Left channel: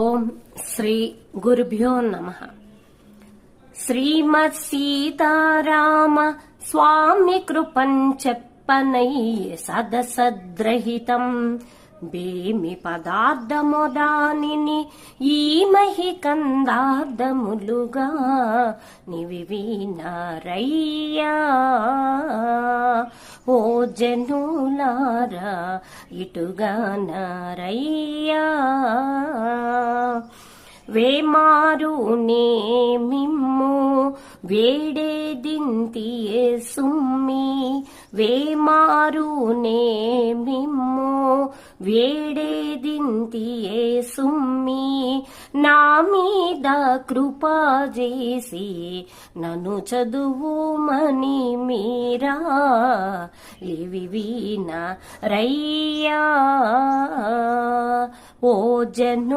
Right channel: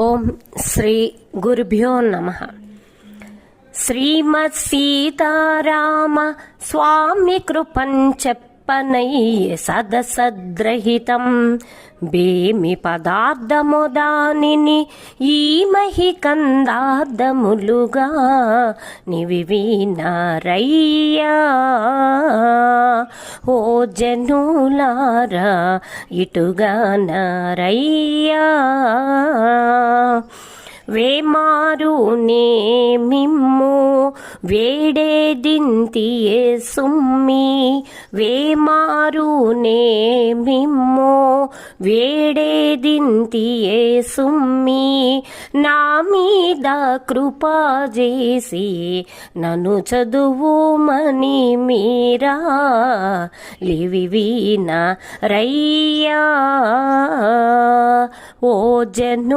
ఓం శ్రీ గురుభ్యో నమః. శ్రీమత్ సీతారామ స్వామి కృపం చెప్పనయ్యే సదసద్రహితం బేమి పదార్థము దానిని ఈ మహి కందార్థములుగా నివివినారయ్యా. ఓ జనులారా ఇటుగా నారయ్యా. వేమారునే మిమ్ము వేడేదింతియే సుమ్మి, వేమారునే మిమ్ము వేడేదింతియే సుమ్మి, నా మీద కృపా చేసి నన్ను చదువుమని మీరా లివివిన రయ్యా. ఓ జను